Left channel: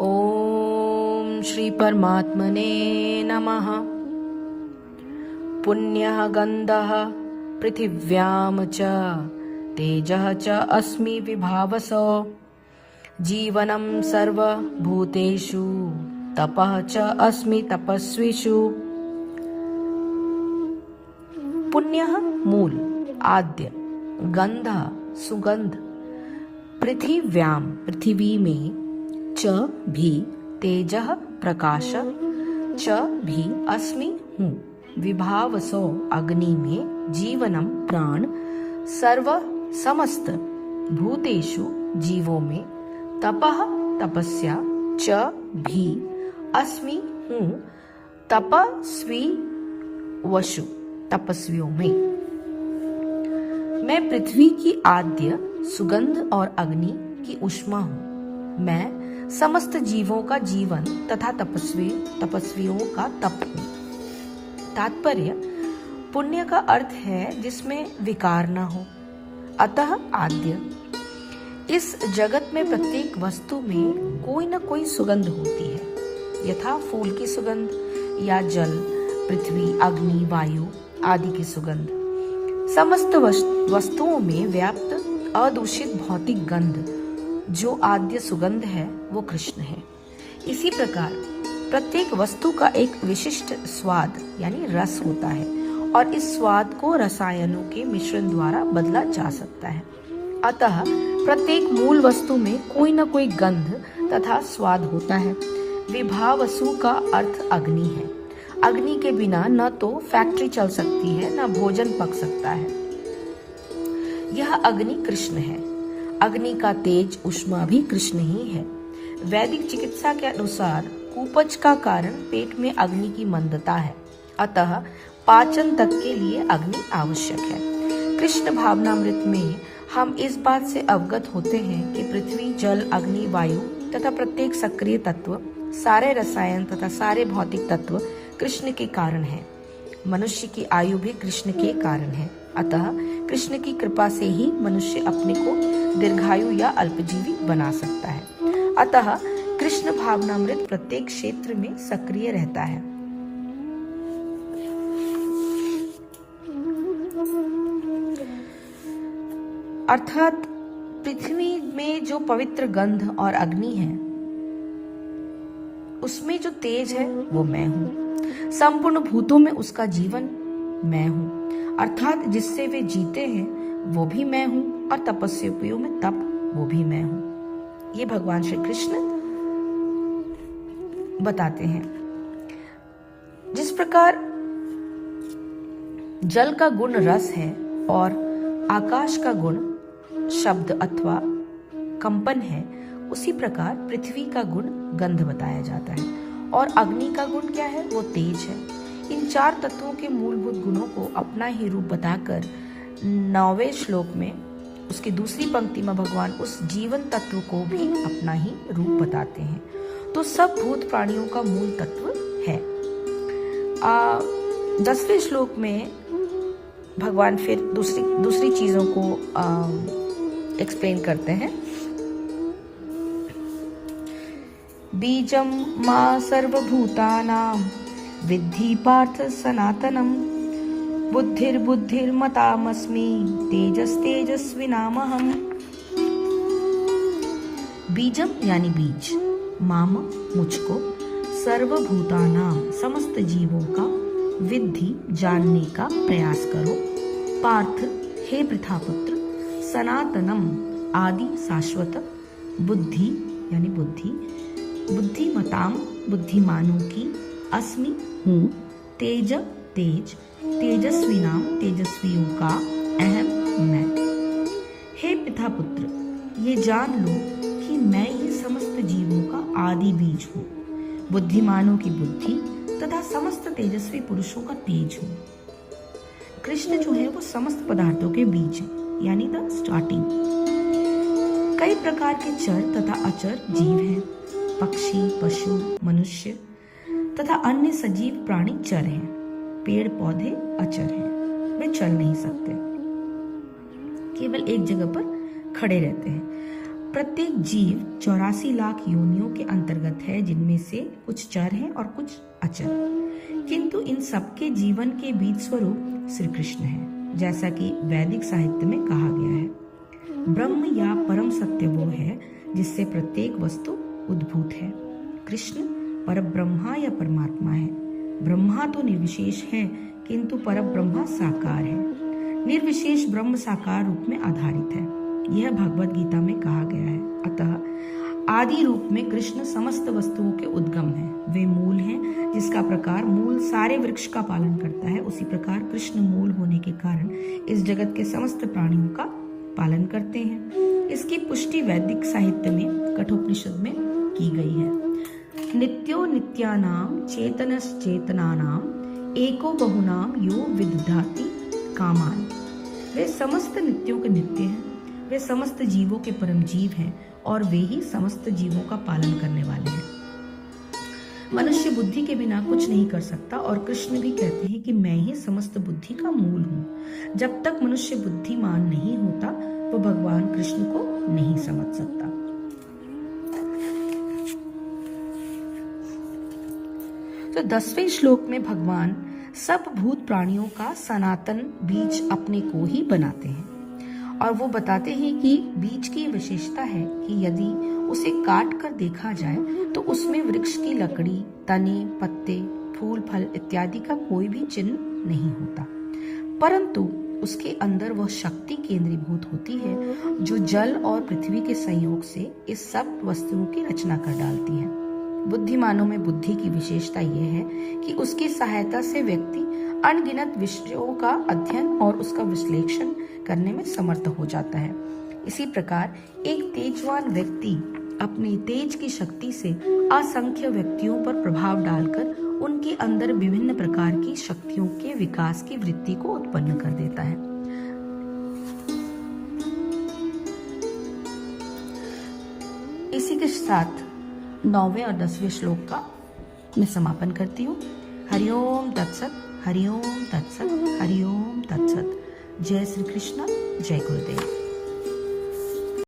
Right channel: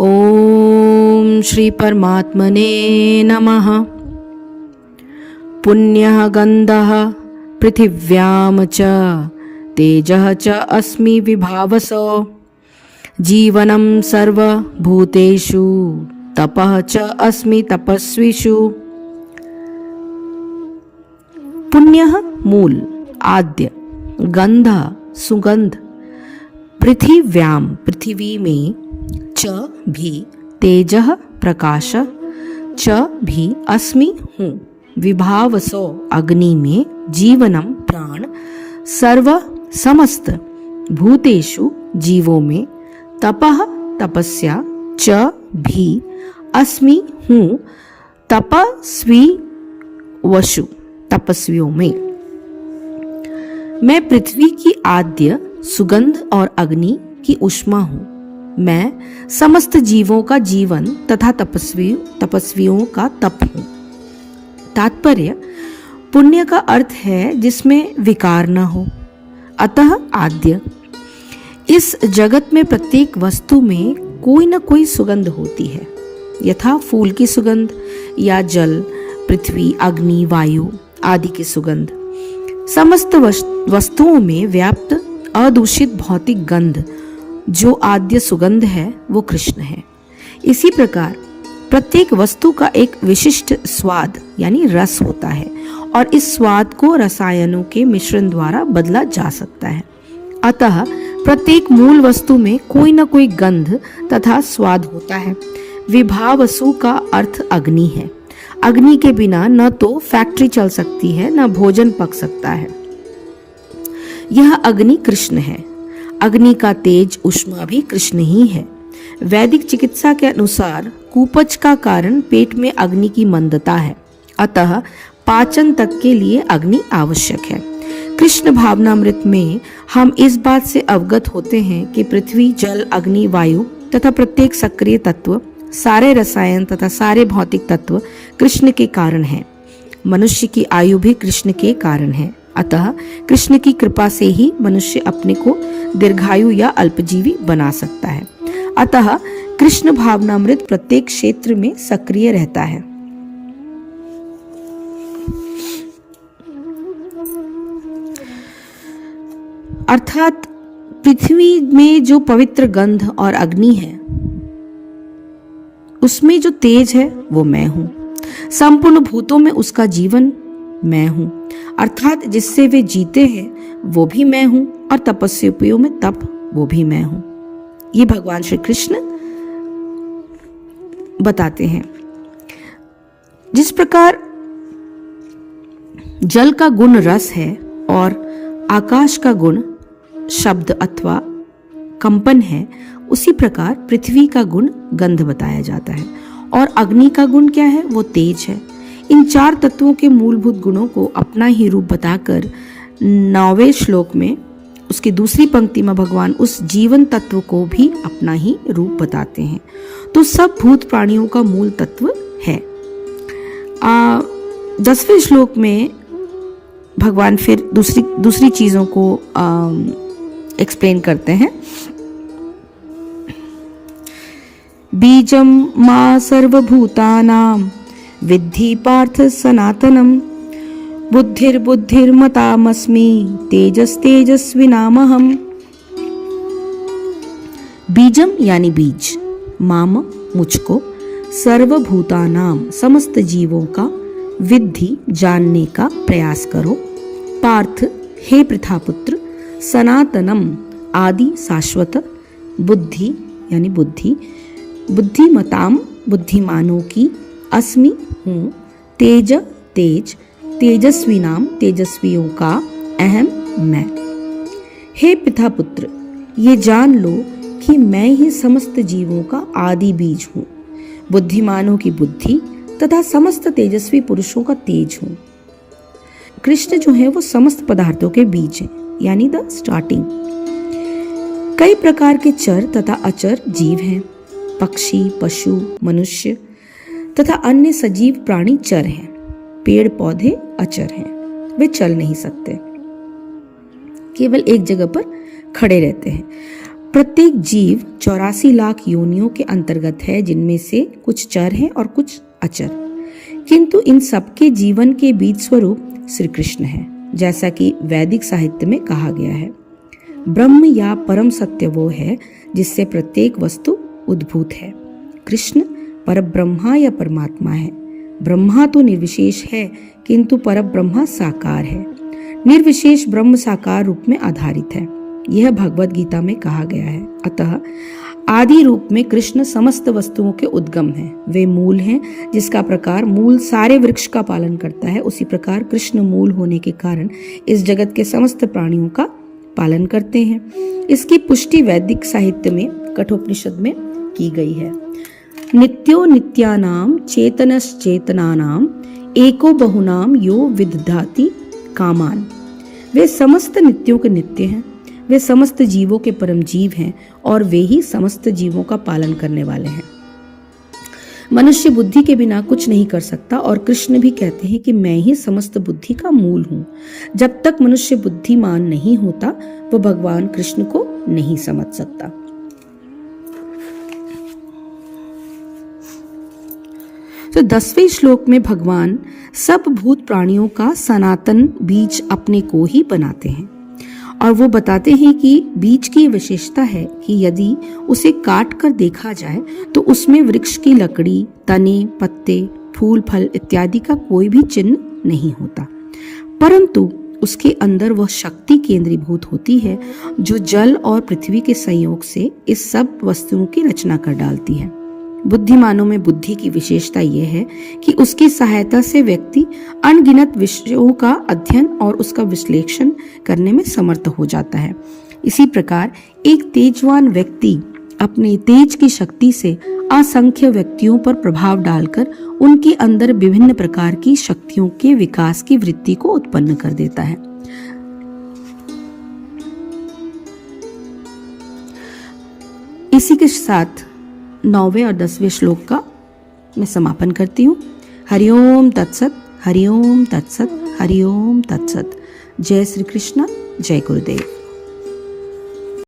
ओम श्री परमात्मने नमः। पुण्यः गन्धः पृथिव्यां च तेजः च अस्मि विभावसो जीवनं सर्वभूतेषु तपः च अस्मि तपस्विषु। पुण्यः मूल आद्य, गंधः सुगंध, पृथिव्यां पृथ्वी में, च भी तेजः प्रकाश, च भी अस्मि हूँ, विभावसो अग्नि में, जीवनम प्राण, सर्व समस्त भूतेषु जीवों में, तपः तपस्या, च भी अस्मि हूँ, तपस्वी वशु तपस्वियों में। मैं पृथ्वी की आद्य, सुगंध और अग्नि की ऊष्मा हूँ। मैं समस्त जीवों का जीवन तथा तपस्वियों का तप हूँ। तात्पर्य, पुण्य का अर्थ है जिसमें विकार न हो, अतः आद्य। इस जगत में प्रत्येक वस्तु में कोई न कोई सुगंध होती है, यथा फूल की सुगंध या जल, पृथ्वी, अग्नि, वायु आदि की सुगंध। समस्त वस्तुओं में व्याप्त अदूषित भौतिक गंध जो आद्य सुगंध है वो कृष्ण है। इसी प्रकार प्रत्येक वस्तु का एक विशिष्ट स्वाद यानी रस होता है और इस स्वाद को रसायनों के मिश्रण द्वारा बदला जा सकता है। अतः प्रत्येक मूल वस्तु में कोई न कोई गंध तथा स्वाद होता है। विभावसु का अर्थ अग्नि है। अग्नि के बिना न तो फैक्ट्री चल सकती है न भोजन पक सकता है। यह अग्नि कृष्ण है। अग्नि का तेज ऊष्मा भी कृष्ण ही है। वैदिक चिकित्सा के अनुसार कुपच का कारण पेट में अग्नि की मंदता है, अतः पाचन तक के लिए अग्नि आवश्यक है। कृष्ण भावनामृत में हम इस बात से अवगत होते हैं कि पृथ्वी, जल, अग्नि, वायु तथा प्रत्येक सक्रिय तत्व, सारे रसायन तथा सारे भौतिक तत्व कृष्ण के कारण हैं। मनुष्य की आयु भी कृष्ण के कारण है, अतः कृष्ण की कृपा से ही मनुष्य अपने को दीर्घायु या अल्पजीवी बना सकता है। अतः कृष्ण भावनामृत प्रत्येक क्षेत्र में सक्रिय रहता है। अर्थात पृथ्वी में जो पवित्र गंध और अग्नि है, उसमें जो तेज है वो मैं हूं। संपूर्ण भूतों में उसका जीवन मैं हूं, अर्थात जिससे वे जीते हैं वो भी मैं हूं और तपस्वियों में तप वो भी मैं हूं। ये भगवान श्री कृष्ण बताते हैं। जिस प्रकार जल का गुण रस है और आकाश का गुण शब्द अथवा कंपन है, उसी प्रकार पृथ्वी का गुण गंध बताया जाता है और अग्नि का गुण क्या है, वो तेज है। इन चार तत्वों के मूलभूत गुणों को अपना ही रूप बताकर 9वें श्लोक में उसकी दूसरी पंक्ति में भगवान उस जीवन तत्व को भी अपना ही रूप बताते हैं। तो सब भूत प्राणियों का मूल तत्व है। 10वें श्लोक में भगवान फिर दूसरी चीजों को एक्सप्लेन करते हैं। बीजम मा सर्वभूतानां विद्धि पार्थ सनातनम बुद्धिर्बुद्धिर्मतामस्मि तेजस्तेजस्विनामहम्। बीजम यानी बीज, माम मुझको, सर्वभूतानां समस्त जीवों का, विद्धि जानने का प्रयास करो, पार्थ हे पृथापुत्र, सनातनम आदि शाश्वत, बुद्धि यानी बुद्धि, बुद्धिमताम बुद्धिमानों की, अस्मि हूँ, तेज तेज, तेजस्विनाम तेजस्वियों का, अहम मैं। हे पितापुत्र, ये जान लो कि मैं ही समस्त जीवों का आदि बीज हूँ, बुद्धिमानों की बुद्धि तथा समस्त तेजस्वी पुरुषों का तेज हूँ। कृष्ण जो है वो समस्त पदार्थों के बीज है, यानी द स्टार्टिंग। कई प्रकार के चर तथा अचर जीव हैं। पक्षी, पशु, मनुष्य तथा अन्य सजीव प्राणी चर हैं। पेड़ पौधे अचर हैं, वे चल नहीं सकते, केवल एक जगह पर खड़े रहते हैं। प्रत्येक जीव 84 लाख योनियों के अंतर्गत है, जिनमें से कुछ चर हैं और कुछ अचर, किंतु इन सबके जीवन के बीज स्वरूप श्री कृष्ण है, जैसा कि वैदिक साहित्य में कहा गया है। ब्रह्म या परम सत्य वो है जिससे प्रत्येक वस्तु उद्भूत है। कृष्ण परब्रह्मा या परमात्मा है। ब्रह्मा तो निर्विशेष है, किंतु परब्रह्मा साकार है। निर्विशेष ब्रह्म साकार रूप में आधारित है, यह भगवद गीता में कहा गया है। अतः आदि रूप में कृष्ण समस्त वस्तुओं के उद्गम हैं। वे मूल हैं, जिसका प्रकार मूल सारे वृक्ष का पालन करता है, उसी प्रकार कृष्ण मूल होने के कारण इस जगत के समस्त प्राणियों का पालन करते हैं। इसकी पुष्टि वैदिक साहित्य में कठोपनिषद में की गई है। नित्यो नित्यानाम चेतनश्चेतनानाम एको बहुनाम यो विदधाति कामान। वे समस्त नित्यों के नित्य हैं, वे समस्त जीवों के परम जीव हैं और वे ही समस्त जीवों का पालन करने वाले हैं। मनुष्य बुद्धि के बिना कुछ नहीं कर सकता और कृष्ण भी कहते हैं कि मैं ही समस्त बुद्धि का मूल हूँ। जब तक मनुष्य बुद्धिमान नहीं होता वो भगवान कृष्ण को नहीं समझ सकता। तो 10वें श्लोक में भगवान सब भूत प्राणियों का सनातन बीज अपने को ही बनाते हैं और वो बताते हैं कि बीज की विशेषता है कि यदि उसे काट कर देखा जाए तो उसमें वृक्ष की लकड़ी, तने, पत्ते, फूल, फल इत्यादि का कोई भी चिन्ह नहीं होता, परंतु उसके अंदर वह शक्ति केंद्रीभूत होती है जो जल और पृथ्वी के संयोग से इस सब वस्तुओं की रचना कर डालती है। बुद्धिमानों में बुद्धि की विशेषता यह है कि उसकी सहायता से व्यक्ति अनगिनत विषयों का अध्ययन और उसका विश्लेषण करने में समर्थ हो जाता है। इसी प्रकार एक तेजवान व्यक्ति अपने तेज की शक्ति से असंख्य व्यक्तियों पर प्रभाव डालकर उनके अंदर विभिन्न प्रकार की शक्तियों के विकास की वृत्ति को उत्पन्न कर देता है। इसी के साथ 9वें और 10वें श्लोक का मैं समापन करती हूँ। हरिओम तत्सत, हरिओम तत्सत, हरिओम तत्सत। जय श्री कृष्ण, जय गुरुदेव।